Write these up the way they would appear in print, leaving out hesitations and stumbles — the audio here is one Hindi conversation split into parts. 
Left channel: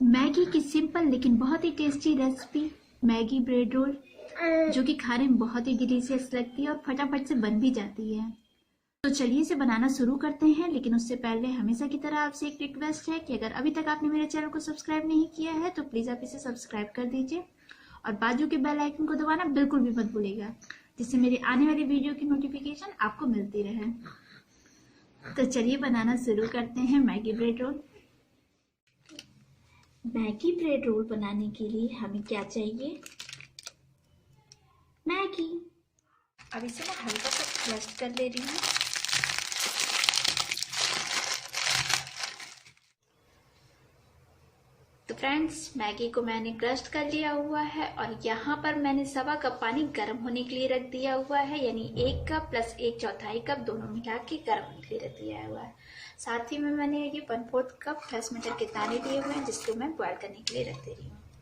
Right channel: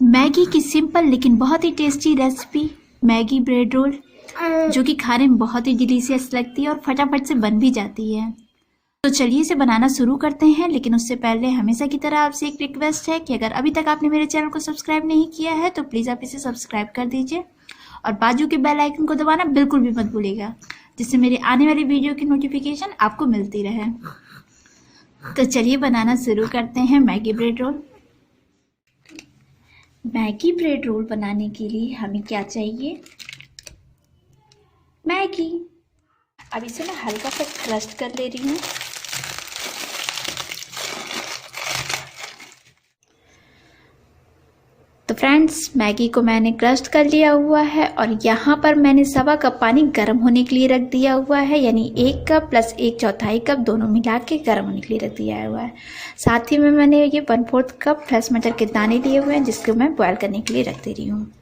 मैगी की सिंपल लेकिन बहुत ही tasty recipe Maggi bread roll, जो कि खाने में बहुत ही डिलीशियस लगती है और फटाफट से बन भी जाती है। तो चलिए इसे बनाना शुरू करते हैं। लेकिन उससे पहले हमेशा की तरह आपसे एक रिक्वेस्ट है कि अगर अभी तक आपने मेरे चैनल को सब्सक्राइब नहीं किया है तो प्लीज़ आप इसे सब्सक्राइब कर दीजिए और बाजू के बेल आइकन को दबाना बिल्कुल भी मत भूलिएगा, जिससे मेरी आने वाली वीडियो की नोटिफिकेशन आपको मिलती रहे। तो चलिए बनाना शुरू करते हैं Maggi bread role. Maggi bread role बनाने के लिए हमें क्या चाहिए? मैगी। अब इसे मैं हल्का सा क्रस्ट कर ले रही हूँ। तो फ्रेंड्स, मैगी को मैंने क्रस्ट कर लिया हुआ है और यहाँ पर मैंने 1.25 कप पानी गर्म होने के लिए रख दिया हुआ है, यानी 1 कप प्लस 1/4 कप दोनों मिला के गर्म होने के लिए रख दिया हुआ है। साथ ही में मैंने ये 1/4 कप फ्रेश मटर के दाने लिए हुए हैं, जिसको मैं बॉयल करने के लिए रख दे रही हूँ।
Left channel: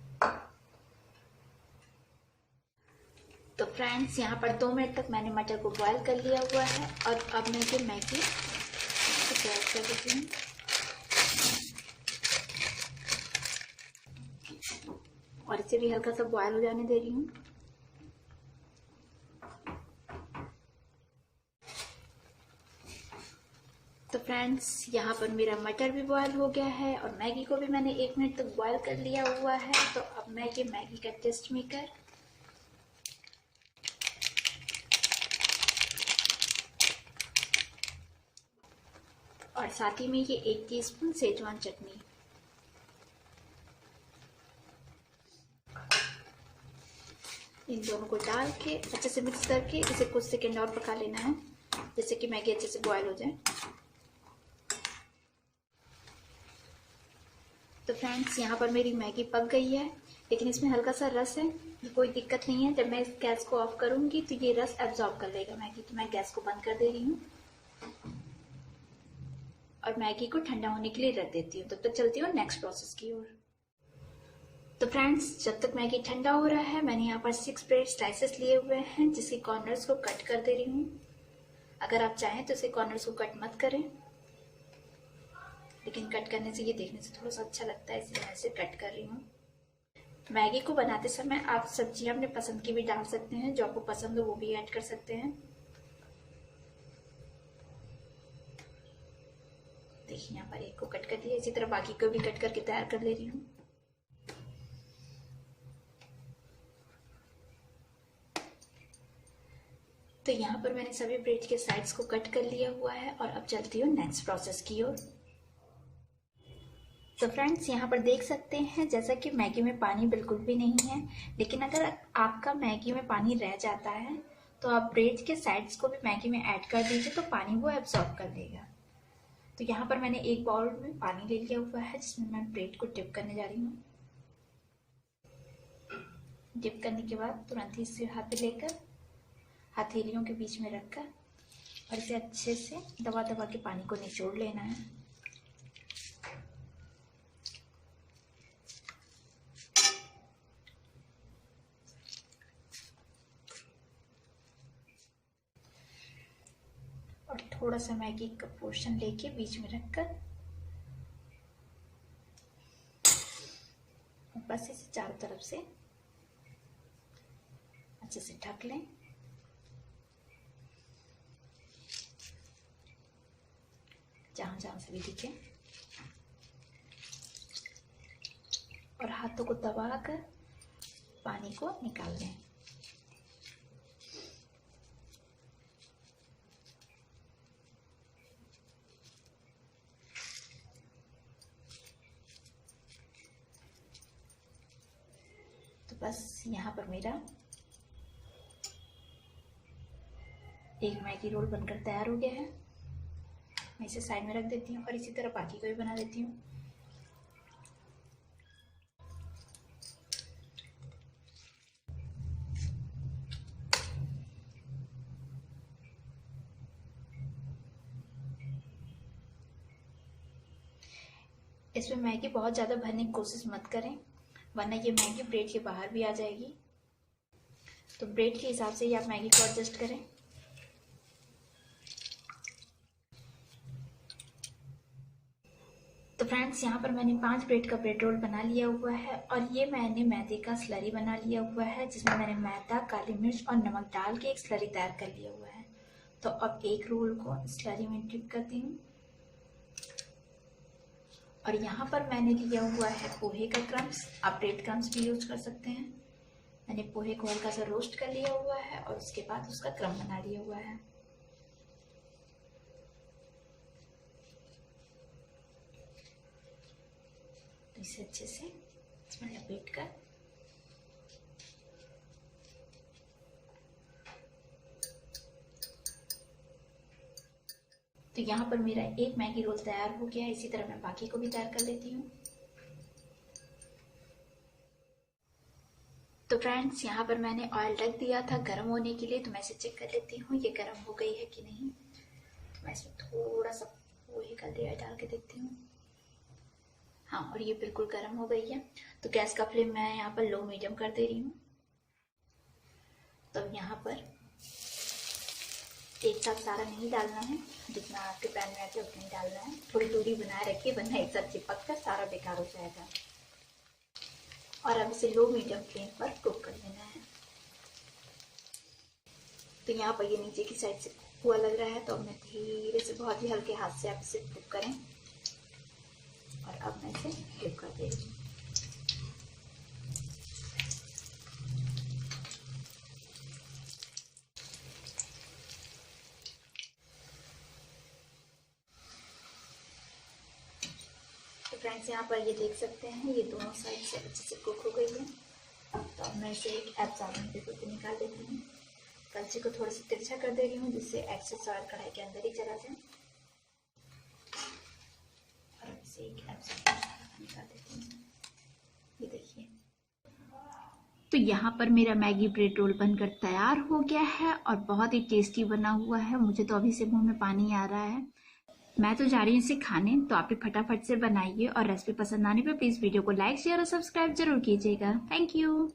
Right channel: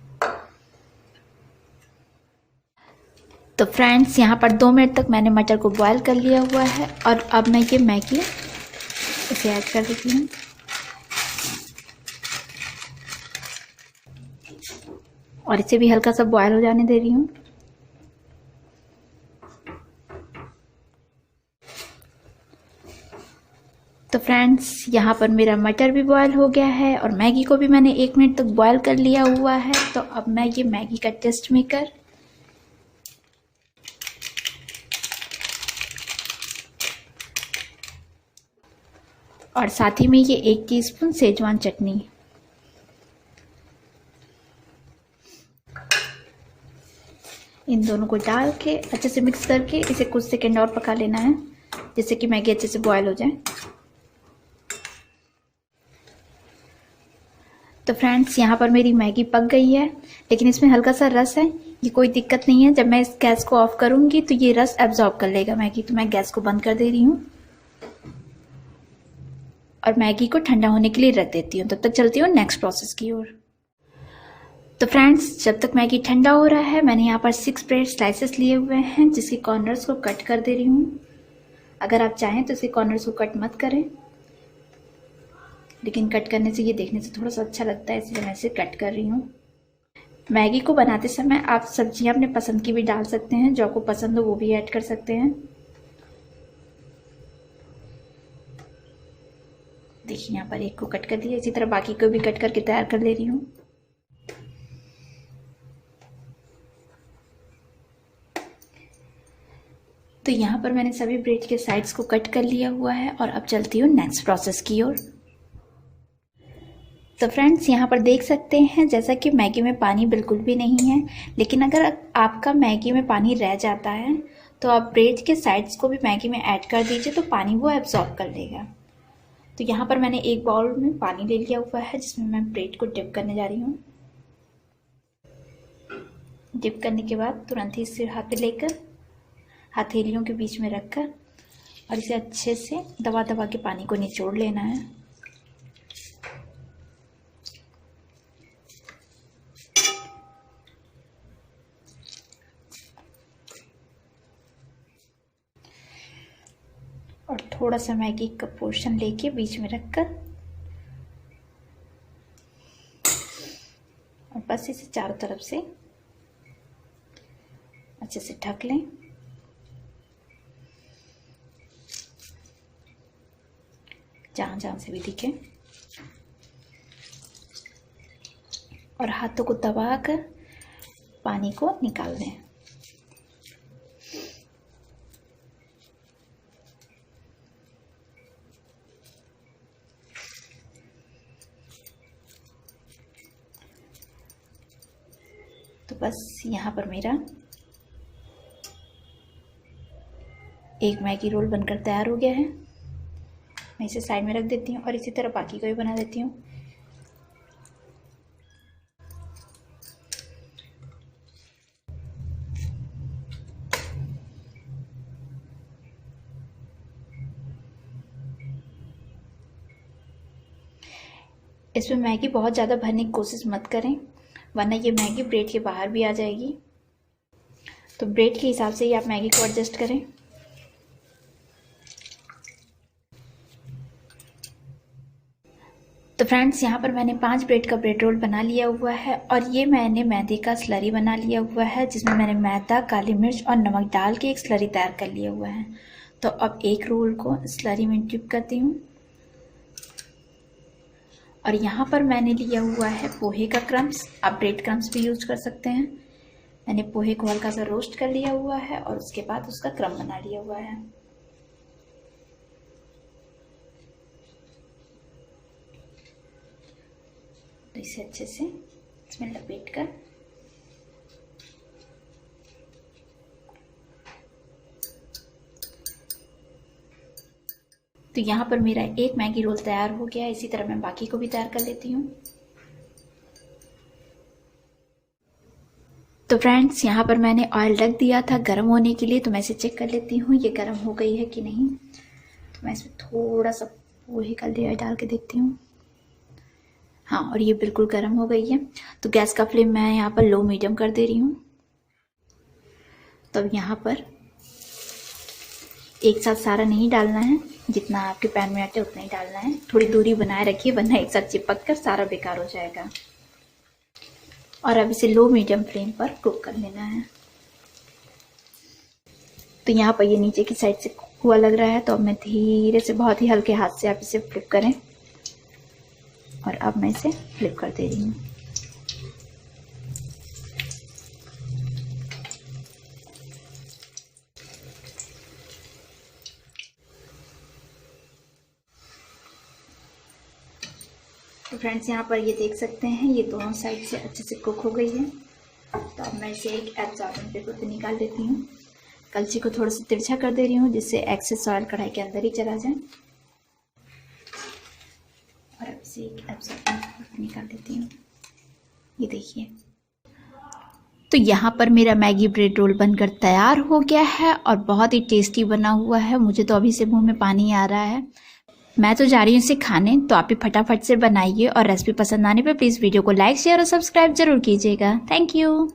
तो फ्रेंड्स, यहाँ पर 2 मिनट तक मैंने मटर को बॉयल कर लिया हुआ है और अब मैं ये मैगी इसे ऐड कर देती हूँ और इसे भी हल्का सा बॉयल हो जाने दे रही हूँ। तो फ्रेंड्स, यहाँ पर मेरा मटर भी बॉयल हो गया है और मैगी को भी मैंने 1 मिनट तक बॉयल कर लिया हुआ है। तो अब मैं ये मैगी का टेस्ट मेकर और साथ ही में ये 1 टीस्पून सेजवान चटनी, इन दोनों को डाल के अच्छे से मिक्स करके इसे कुछ सेकंड और पका लेना है, जिससे कि मैगी अच्छे से बॉयल हो जाए। तो फ्रेंड्स, यहाँ पर मेरी मैगी पक गई है, लेकिन इसमें हल्का सा रस है। ये कोई दिक्कत नहीं है, जब मैं इस गैस को ऑफ करूँगी तो ये रस एब्जॉर्ब कर लेगा मैगी। तो मैं गैस को बंद कर दे रही हूँ और मैगी को ठंडा होने के लिए रख देती हूँ। तब तक चलती हूँ नेक्स्ट प्रोसेस की ओर। तो फ्रेंड्स, जब तक मैगी ठंडा हो रहा है, मैंने यहाँ पर 6 ब्रेड स्लाइसेस लिए हुए हैं, जिसके कॉर्नर्स को कट कर दे रही हूँ। अगर आप चाहें तो इसके कॉर्नर्स को कट मत करें, लेकिन कट करने से ये देखने से थोड़ा सा अच्छा लगता है, इसलिए मैं इसे कट कर रही हूँ। मैगी को बनाते समय आप सब्जियाँ अपने पसंद की भी डाल सकते हैं, जो आपको पसंद हो वो भी ऐड कर सकते हैं। देखिए, यहाँ पर एक को कट कर दिया, इसी तरह बाकी को भी कट करके तैयार कर ले रही हूँ। तो यहाँ पर मैंने सभी ब्रेड के साइड्स को कट कर लिया हुआ है और अब चलती हूँ नेक्स्ट प्रोसेस की ओर। तो फ्रेंड्स, यहाँ पर देख सकते हैं जैसा कि मैगी में पानी बिल्कुल भी नहीं है, लेकिन अगर आपका मैगी में पानी रह जाता है तो आप ब्रेड के साइड्स को भी मैगी में ऐड कर दीजिए, तो पानी वो एब्जॉर्ब कर लेगा। तो यहाँ पर मैंने एक बाउल में पानी ले लिया हुआ है, जिसमें मैं ब्रेड को डिप करने जा रही हूँ। डिप करने के बाद तुरंत ही इसे हाथ पे लेकर हथेलियों के बीच में रखकर और इसे अच्छे से दबा दबा के पानी को निचोड़ लेना है। और थोड़ा सा मैगी का पोर्शन लेके बीच में रखकर और बस इसे चारों तरफ से अच्छे से ढक लें। जहाँ जहाँ से भी दिखे, और हाथों को दबाकर पानी को निकाल दें। तो बस यहाँ पर मेरा एक मैगी रोल बनकर तैयार हो गया है। मैं इसे साइड में रख देती हूँ और इसी तरह बाकी को भी बना देती हूँ। इसमें मैगी बहुत ज़्यादा भरने की कोशिश मत करें, वरना ये मैगी ब्रेड के बाहर भी आ जाएगी। तो ब्रेड के हिसाब से ही आप मैगी को एडजस्ट करें। तो फ्रेंड्स यहाँ पर मैंने 5 ब्रेड का ब्रेड रोल बना लिया हुआ है और ये मैंने मैदे का स्लरी बना लिया हुआ है, जिसमें मैंने मैदा, काली मिर्च और नमक डाल के एक स्लरी तैयार कर लिया हुआ है। तो अब एक रोल को स्लरी में डिप करती हूँ और यहाँ पर मैंने लिया हुआ है पोहे का क्रम्स। आप ब्रेड क्रम्स भी यूज कर सकते हैं। मैंने पोहे को हल्का सा रोस्ट कर लिया हुआ है और उसके बाद उसका क्रम बना लिया हुआ है। तो इसे अच्छे से इसमें लपेट कर तो यहाँ पर मेरा एक मैगी रोल तैयार हो गया। इसी तरह मैं बाकी को भी तैयार कर लेती हूँ। तो फ्रेंड्स यहाँ पर मैंने ऑयल रख दिया था गर्म होने के लिए, तो मैं इसे चेक कर लेती हूँ ये गर्म हो गई है कि नहीं। तो मैं इसमें थोड़ा सा पोहे का लेयर डाल के देखती हूँ। हाँ, और ये बिल्कुल गर्म हो गई है। तो गैस का फ्लेम मैं यहाँ पर लो मीडियम कर दे रही हूँ। तो यहाँ पर एक साथ सारा नहीं डालना है, जितना आपके पैन में आटे उतना ही डालना है। थोड़ी दूरी बनाए रखिए, वरना एक साथ चिपक कर सारा बेकार हो जाएगा। और अब इसे लो मीडियम फ्लेम पर कुक कर लेना है। तो यहाँ पर ये नीचे की साइड से कुक हुआ लग रहा है, तो अब मैं धीरे से बहुत ही हल्के हाथ से आप इसे फ्लिप करें और अब मैं इसे फ्लिप कर दे रही हूँ। तो फ्रेंड्स यहाँ पर ये देख सकते हैं ये दोनों साइड से अच्छे से कुक हो गई है। तो अब मैं इसे एक एब्जॉर्बिंग पेपर पे निकाल देती हूँ। कलछी को थोड़ा सा तिरछा कर दे रही हूँ, जिससे एक्सेस ऑयल कढ़ाई के अंदर ही चला जाए। और अब इसे एक एब्जॉर्बिंग पेपर पे निकाल देती हूँ। ये देखिए, तो यहाँ पर मेरा मैगी ब्रेड रोल बनकर तैयार हो गया है और बहुत ही टेस्टी बना हुआ है। मुझे तो अभी से मुंह में पानी आ रहा है। मैं तो जा रही हूँ इसे खाने। तो आप भी फटाफट से बनाइए और रेसिपी पसंद आने पर प्लीज़ वीडियो को लाइक, शेयर और सब्सक्राइब जरूर कीजिएगा। Thank you.